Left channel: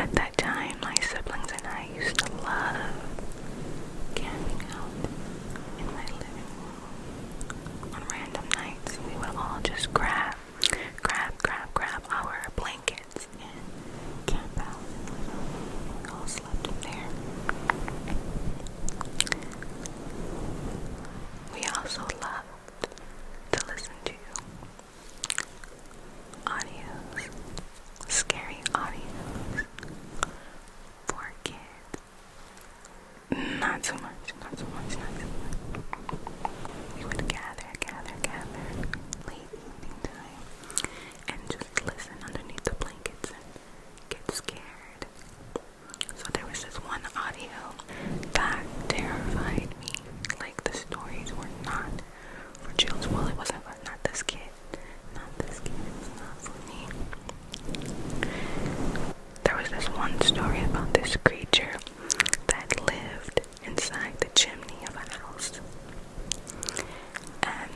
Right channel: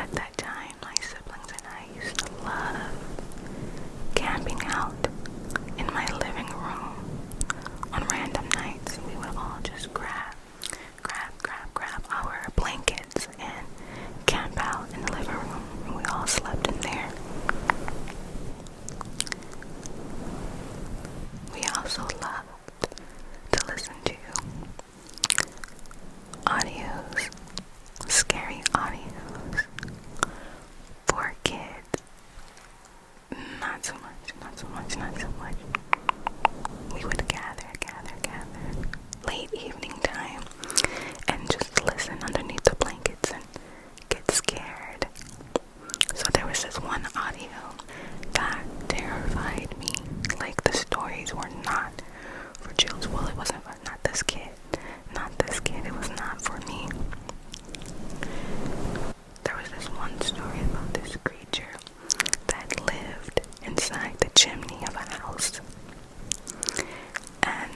At that time, my siblings and I used to love camping out in my living room. On random nights, we would all just grab our blankets and camp out in the living room. We all slept in there. We also loved to listen to audios, scary audios for kids. Not so much. We would gather late evening time and just listen underneath the blankets and get scared. So there was this one audio that terrified me. Like, the stories were not for children. Well, it wasn't for not this kid. It was not for me. There was this one story about this creature that lived inside the chimney of a house. And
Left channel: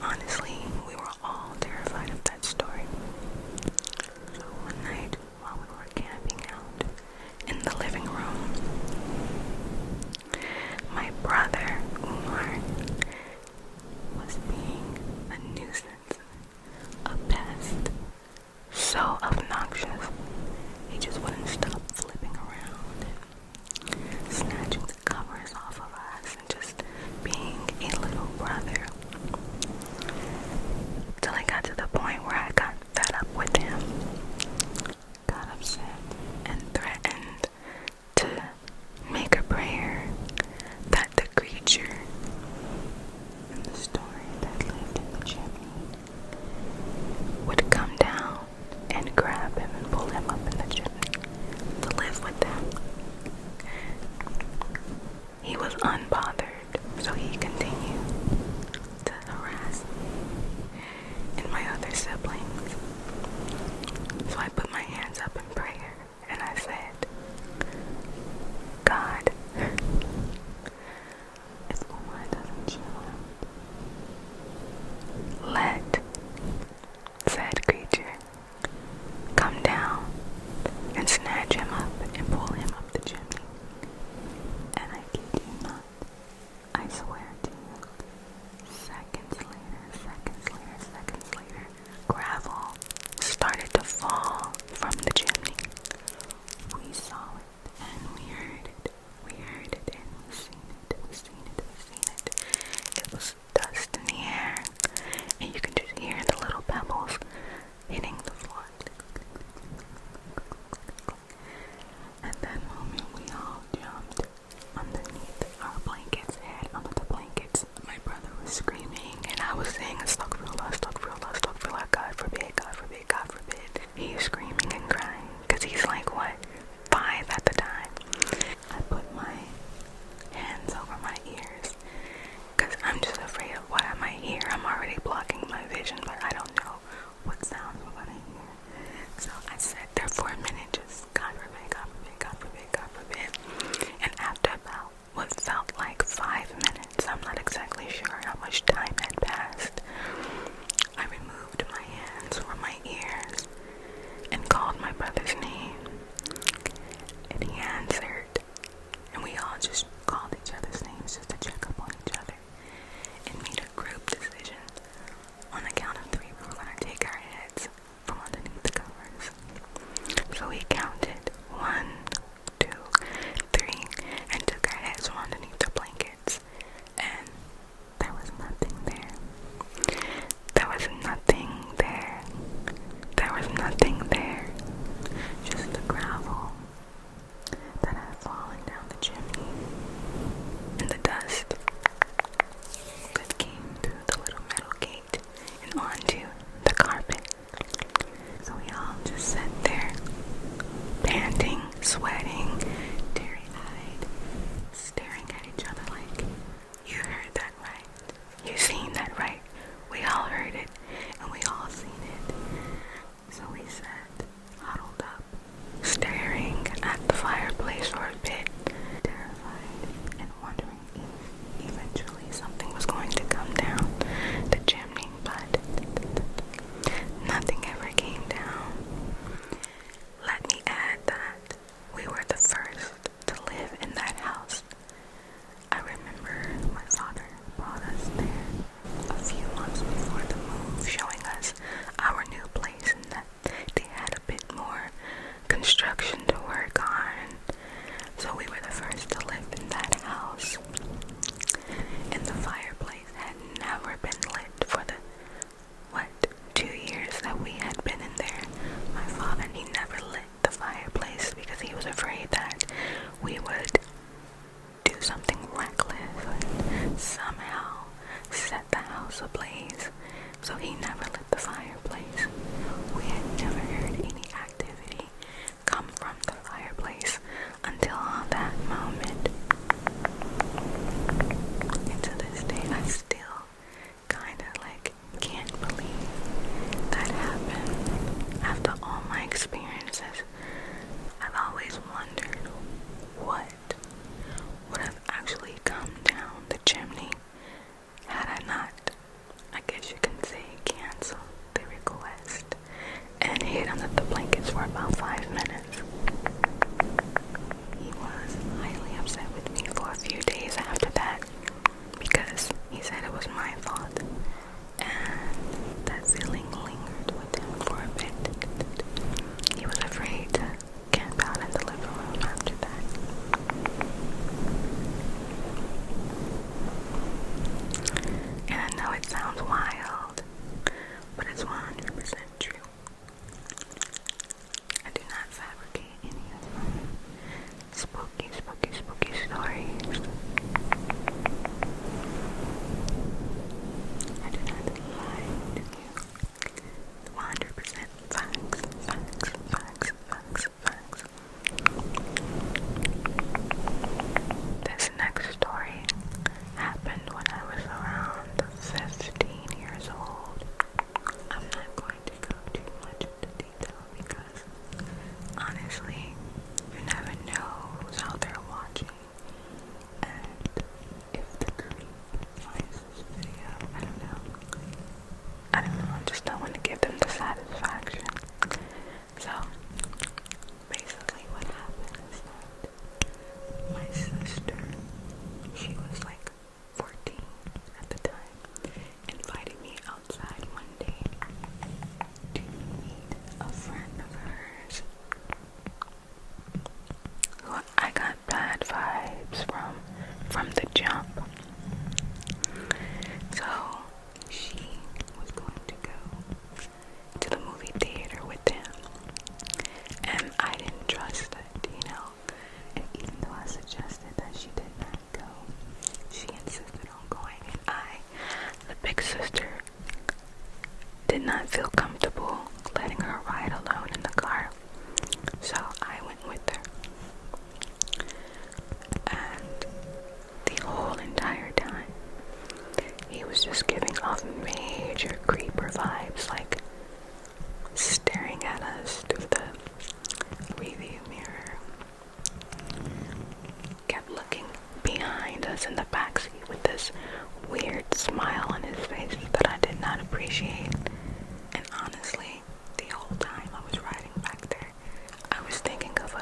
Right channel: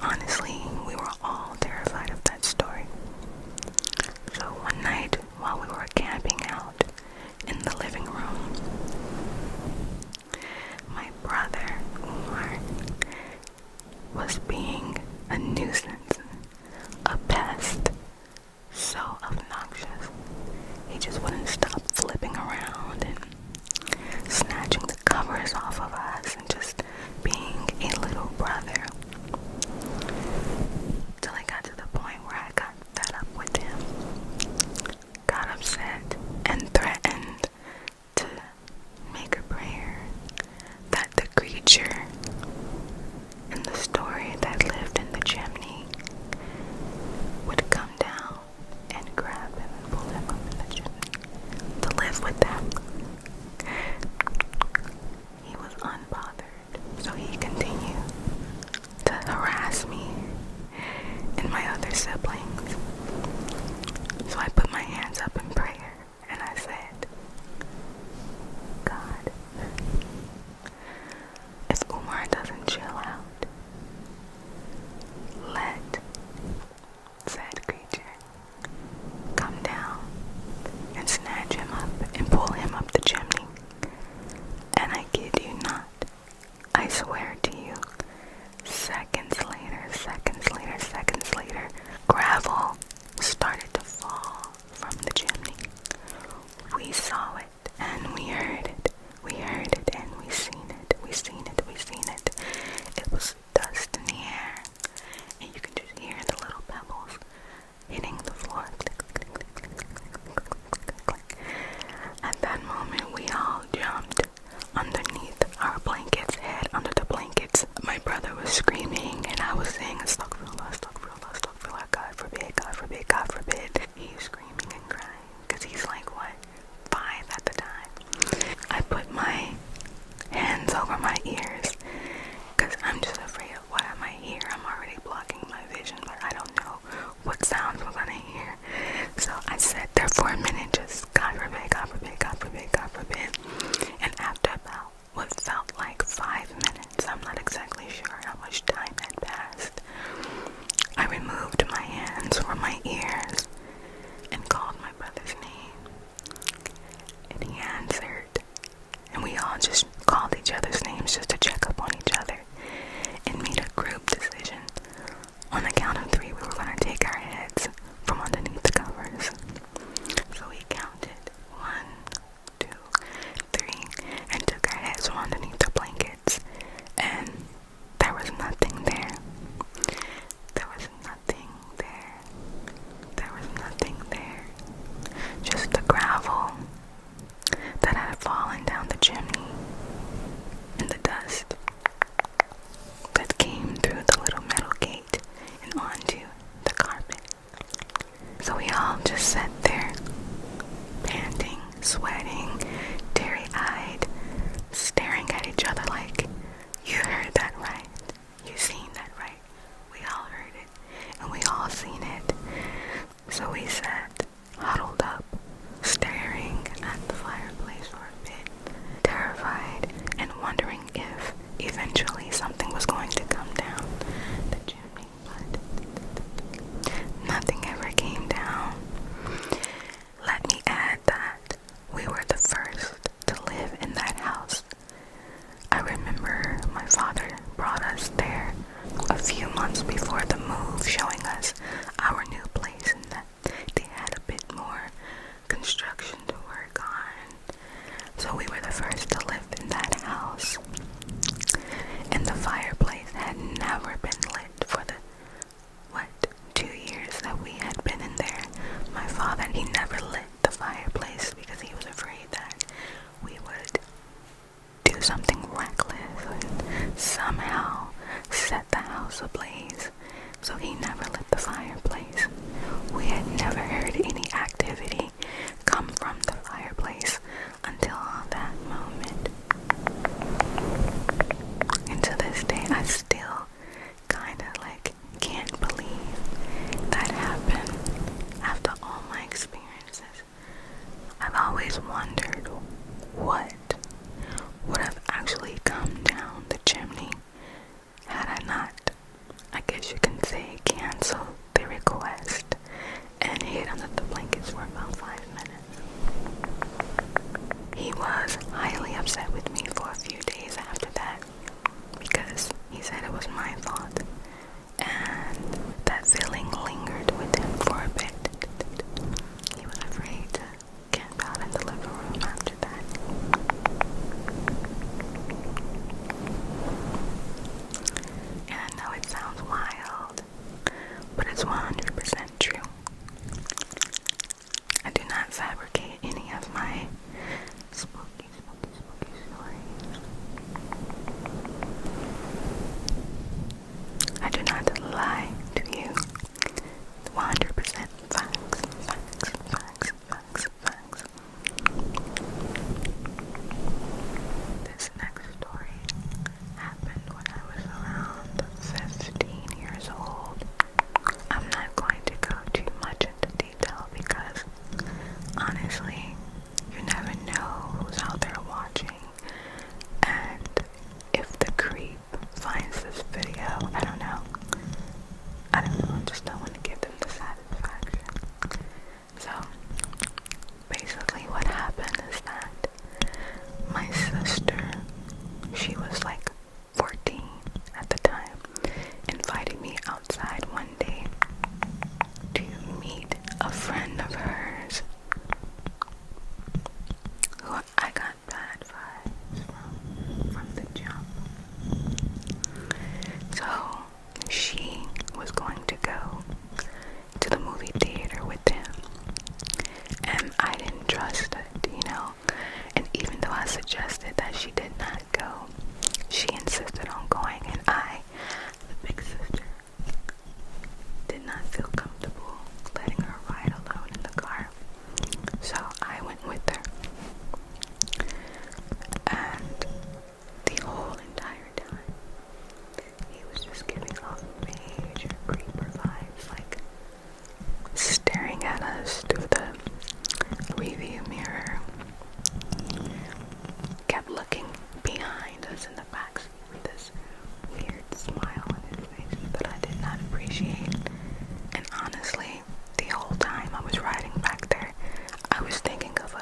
honestly, we were all terrified of that story. So one night, while we were camping out in the living room, my brother, Umar, was being a nuisance, a pest, so obnoxious. He just wouldn't stop flipping around construction to work on. So we were the first to live in that house. And the fireplace had never been lit for the, 2 years that we had been in there. My father, he never lit the fireplace because he was afraid that we would do something reckless and somehow set the house ablaze. So he never lit the fireplace. We had never heard any activity come from the fireplace until that moment. And to this day, I still kind of like can't believe that happened. After all my experiences, I've always wondered what would have actually come down the chimney had I not, I guess you can say, canceled the request and hid under the blankets for about 5 minutes. He was highly upset with me for a few days after that because he said it was my fault, and that feeling lingered with him for a bit. He was afraid to camp out in the living room after that. And I know it sounds wild, but it's 100% true. I do not fabricate any of my spooky stories. I do not lie to you. 100% facts. This next story happened when I was around 15 years old. I'm not going to go too much into detail because honestly, you never know who's out there watching, and if the creep finds this video, I don't know, I just don't want to give them the satisfaction. So basically what happened is that my sister, she was like 14 at the time, invited me outside one day to meet a friend of hers who I got bad vibes from the jump. So she was going to go to the movie theater with him, and I didn't trust it, and even though I suggested that she did not go, she insisted on going, and I, the big sister, did not feel comfortable letting her ride alone in the car, so I went with her. And the whole entire time, he was just giving off major creeper vibes, like staring at us through the review mirror, kept looking behind us in the backseat with this weird smile on his face that I did not appreciate. And honestly, the whole time I was riding back there, I was thinking of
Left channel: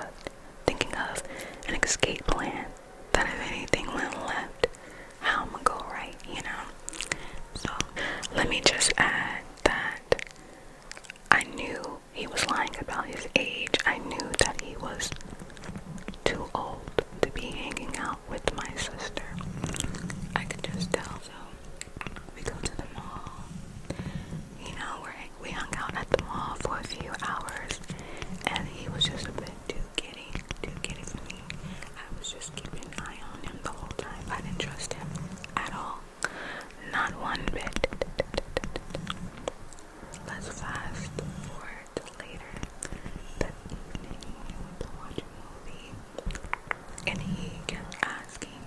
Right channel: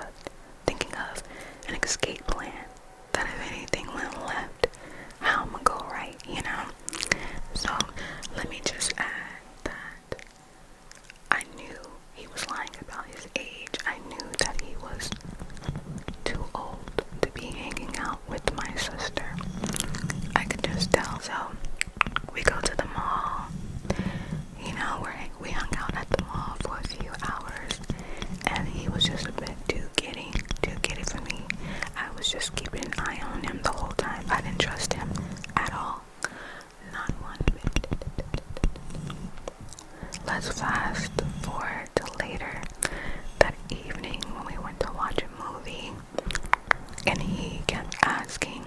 an escape plan, that if anything went left, how I'm gonna go right, So let me just add that I knew he was lying about his age. I knew that he was too old to be hanging out with my sister. I could just tell. So we go to the mall. We hung out at the mall for a few hours, and he was just a bit too giddy for me. I was just keeping an eye on him the whole time. I didn't trust him at all. Not one bit. Let's fast forward to later that evening when we went to watch a movie, and he kept asking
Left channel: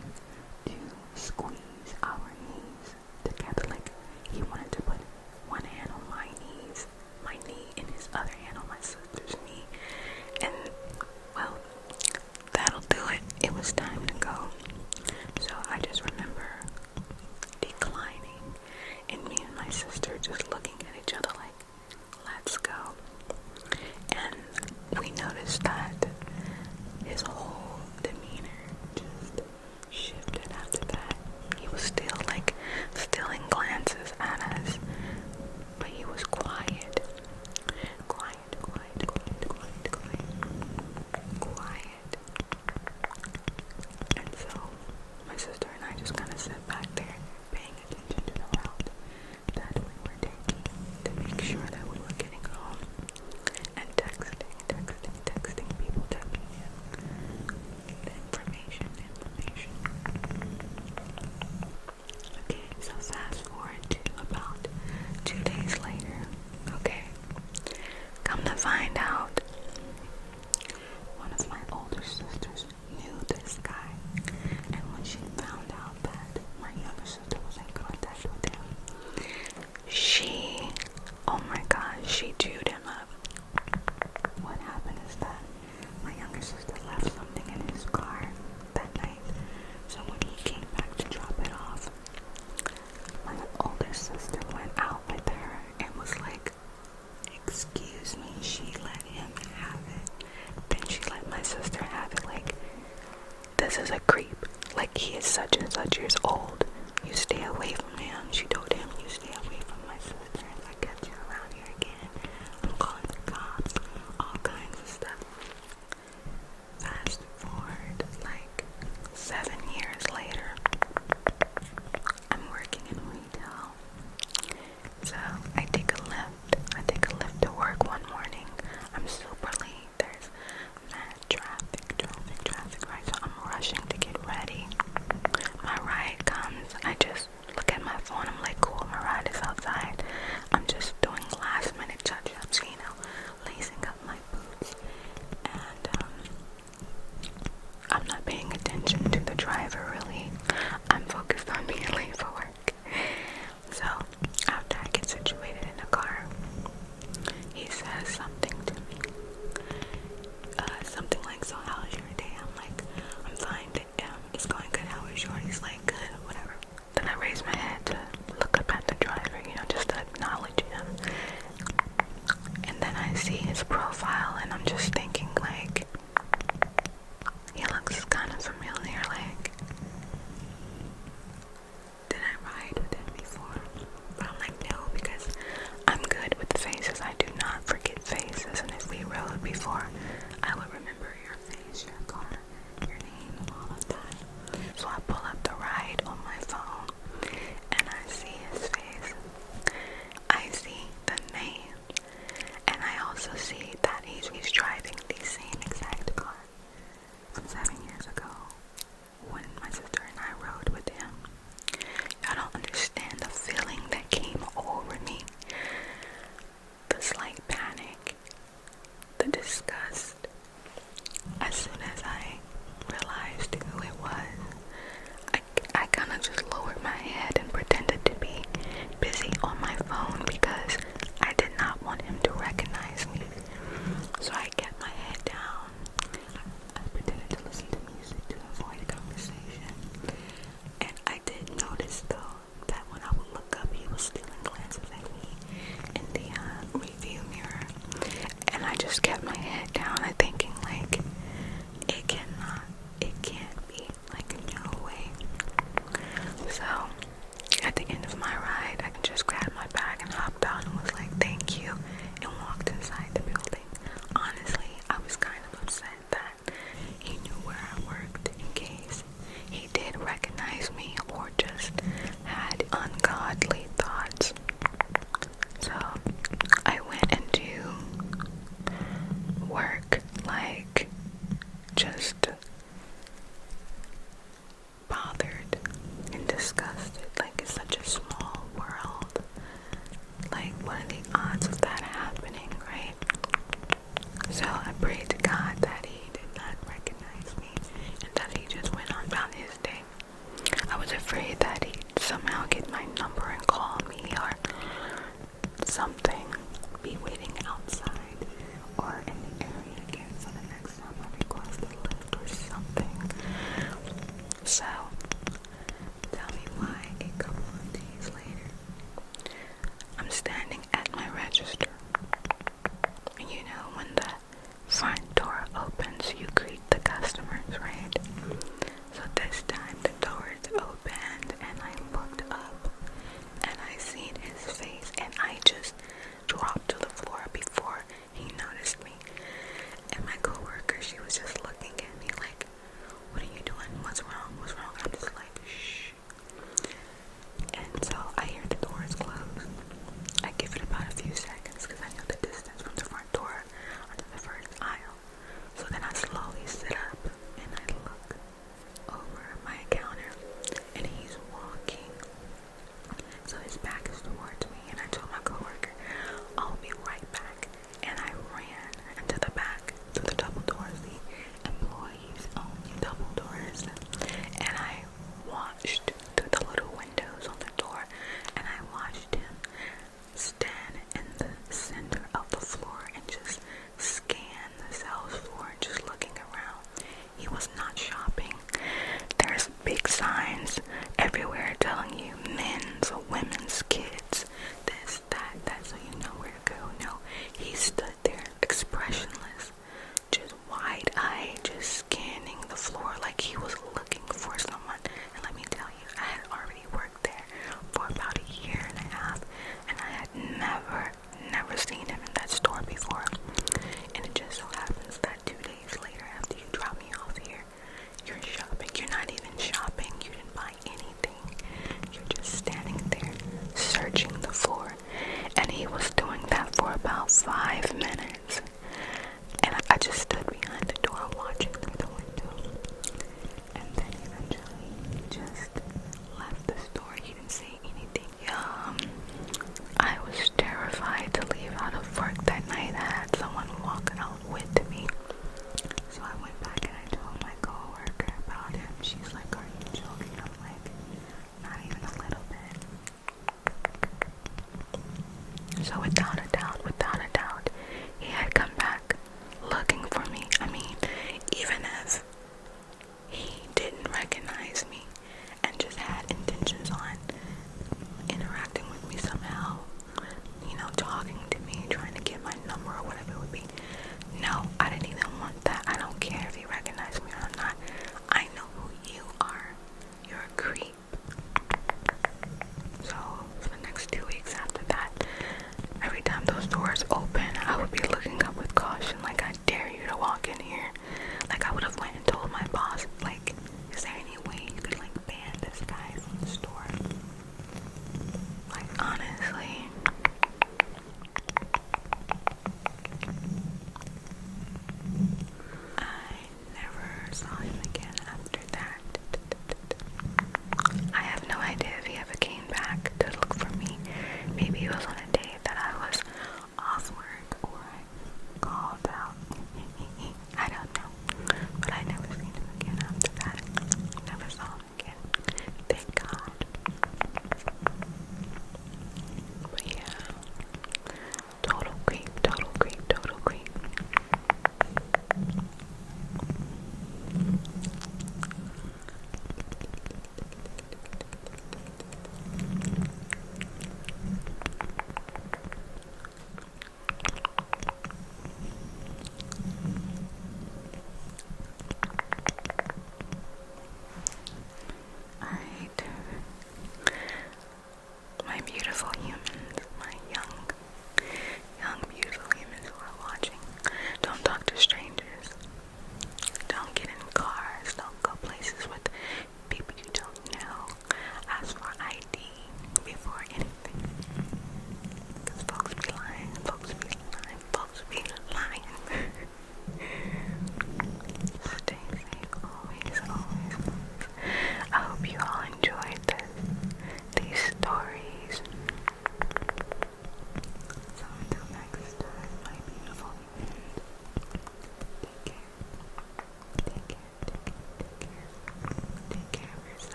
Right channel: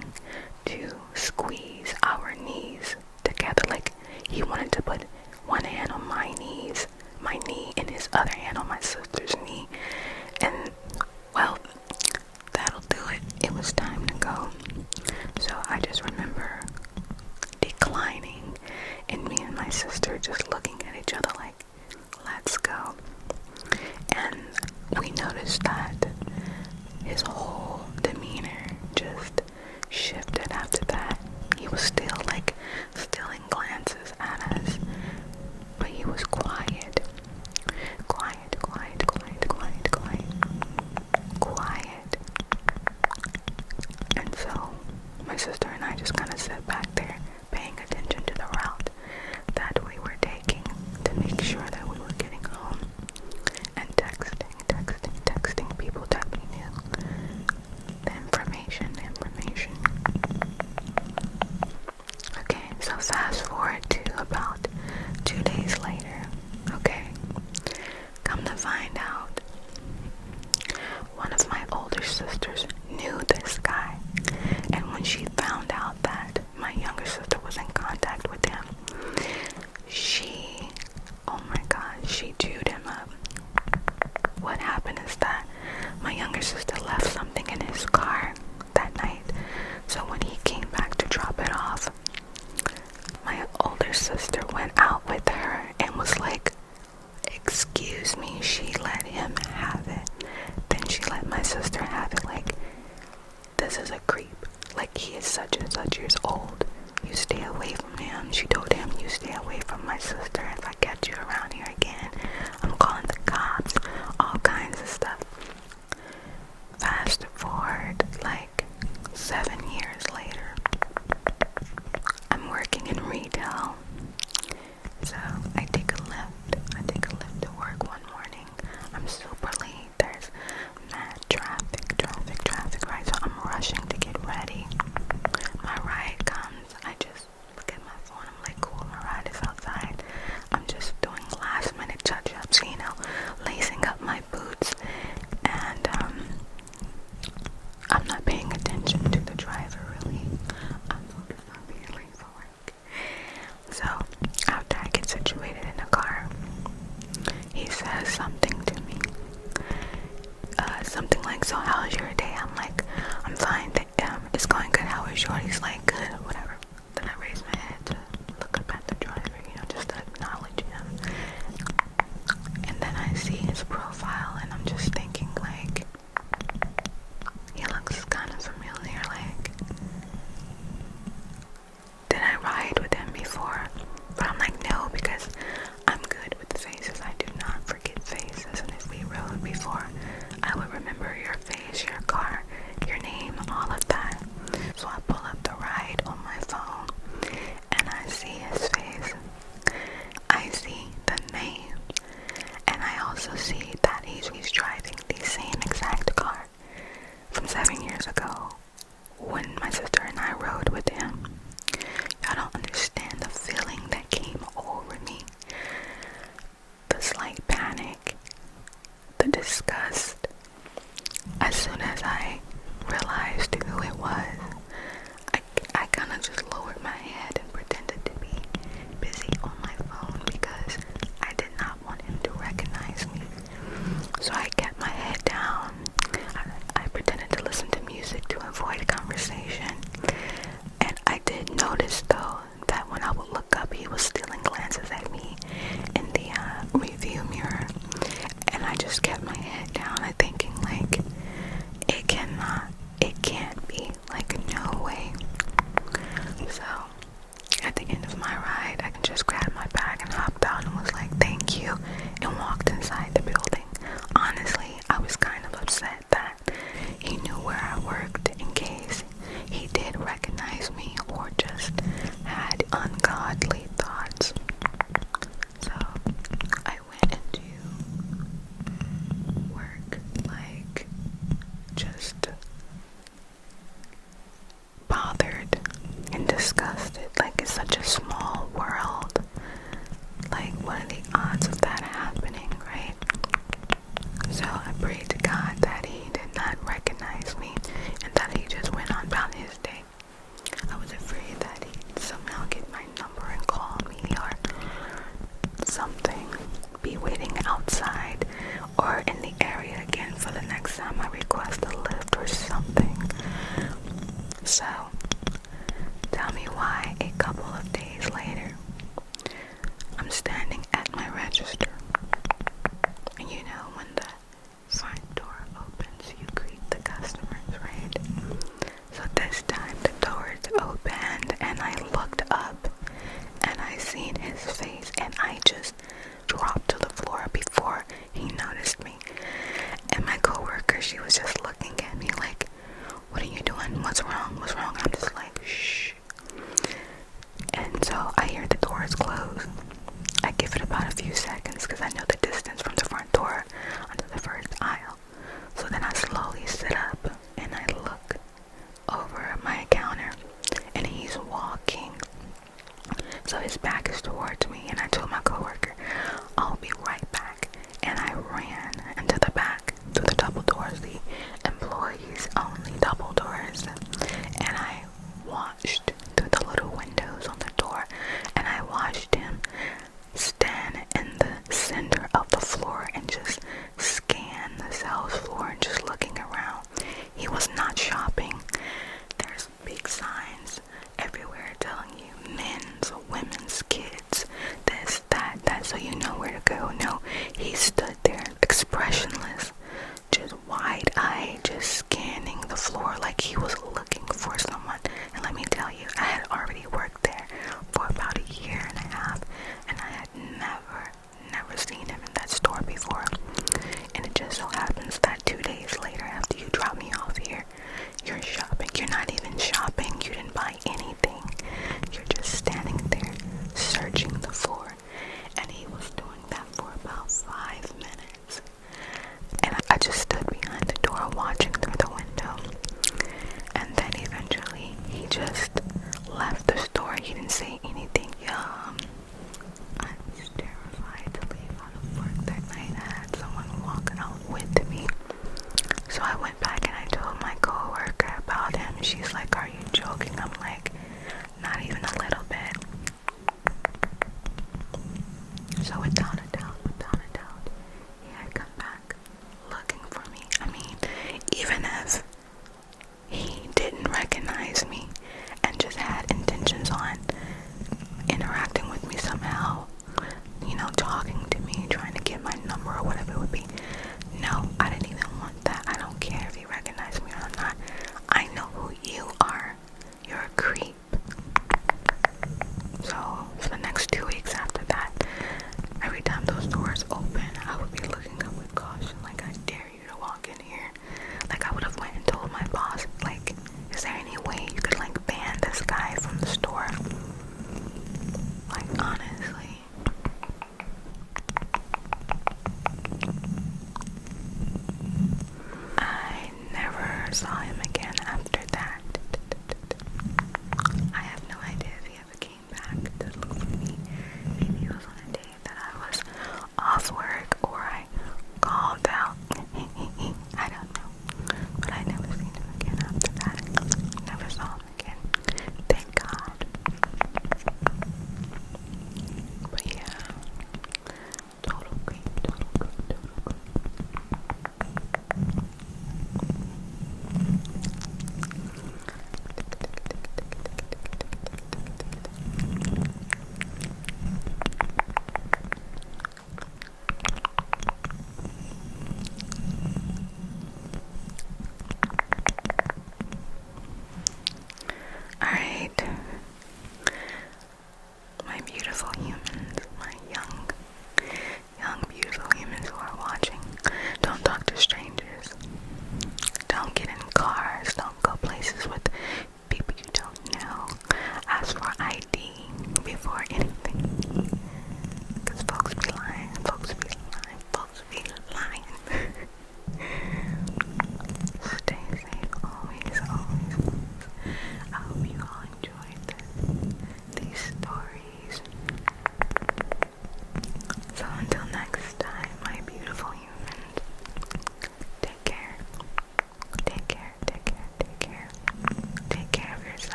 to squeeze our knees together. Like, he wanted to put one hand on my knee, and his other hand on my sister's knee. And well, that'll do it. It was time to go. So I just remember declining, and me and my sister just looking at each other like, let's go. And we noticed that his whole demeanor just shifted after that. He was still stealing glances at us, but he was quiet. before I would remember your face, your car, your name, all of that. So I pull up the ride on my phone and I see his face. I see the name, and I also see that he's driving the same exact car from 7 years ago when my sister and I rode with him. Y'all don't understand the feeling that came over me. The slight panic, the disgust. As soon as I realized who it was, I kind of just lowered my head and pretended to be busy on my phone because I did not want him to recognize me. So I kept my head down. I pretended to listen to music to avoid conversation. And I did notice though that when I would look up, he was stealing glances at me in the review mirror. And I just kept my head down. I thinking like, it can't be, like, no way. So at the end of my ride, I just grabbed my bag and hopped out and was like, thank you, and walked inside the building. Honestly, I was kind of upset that he knew where I worked in case he did recognize me or just had ungodly thoughts. So I went into work like just bothered and disgusted. Like, it's such a small world. Like, what are the odds of that happening, right? So I prayed to God that he did not recognize me and that he just went on about his day. I was afraid that he'd somehow get my number and call me or something, be waiting outside or in the area again for the next time I request a lift or something. So tell me why a couple of days later I'm standing at my register, and you know when the front door opens you greet the customers, right? So this time the doors opened and I looked up and I seen his face and I just dropped to the floor before he noticed me. And my coworker, she was just looking at me like, what are you doing? What's wrong? What's wrong? I'm just like, shh. And so I hear the doors close. I give it about a few seconds because I know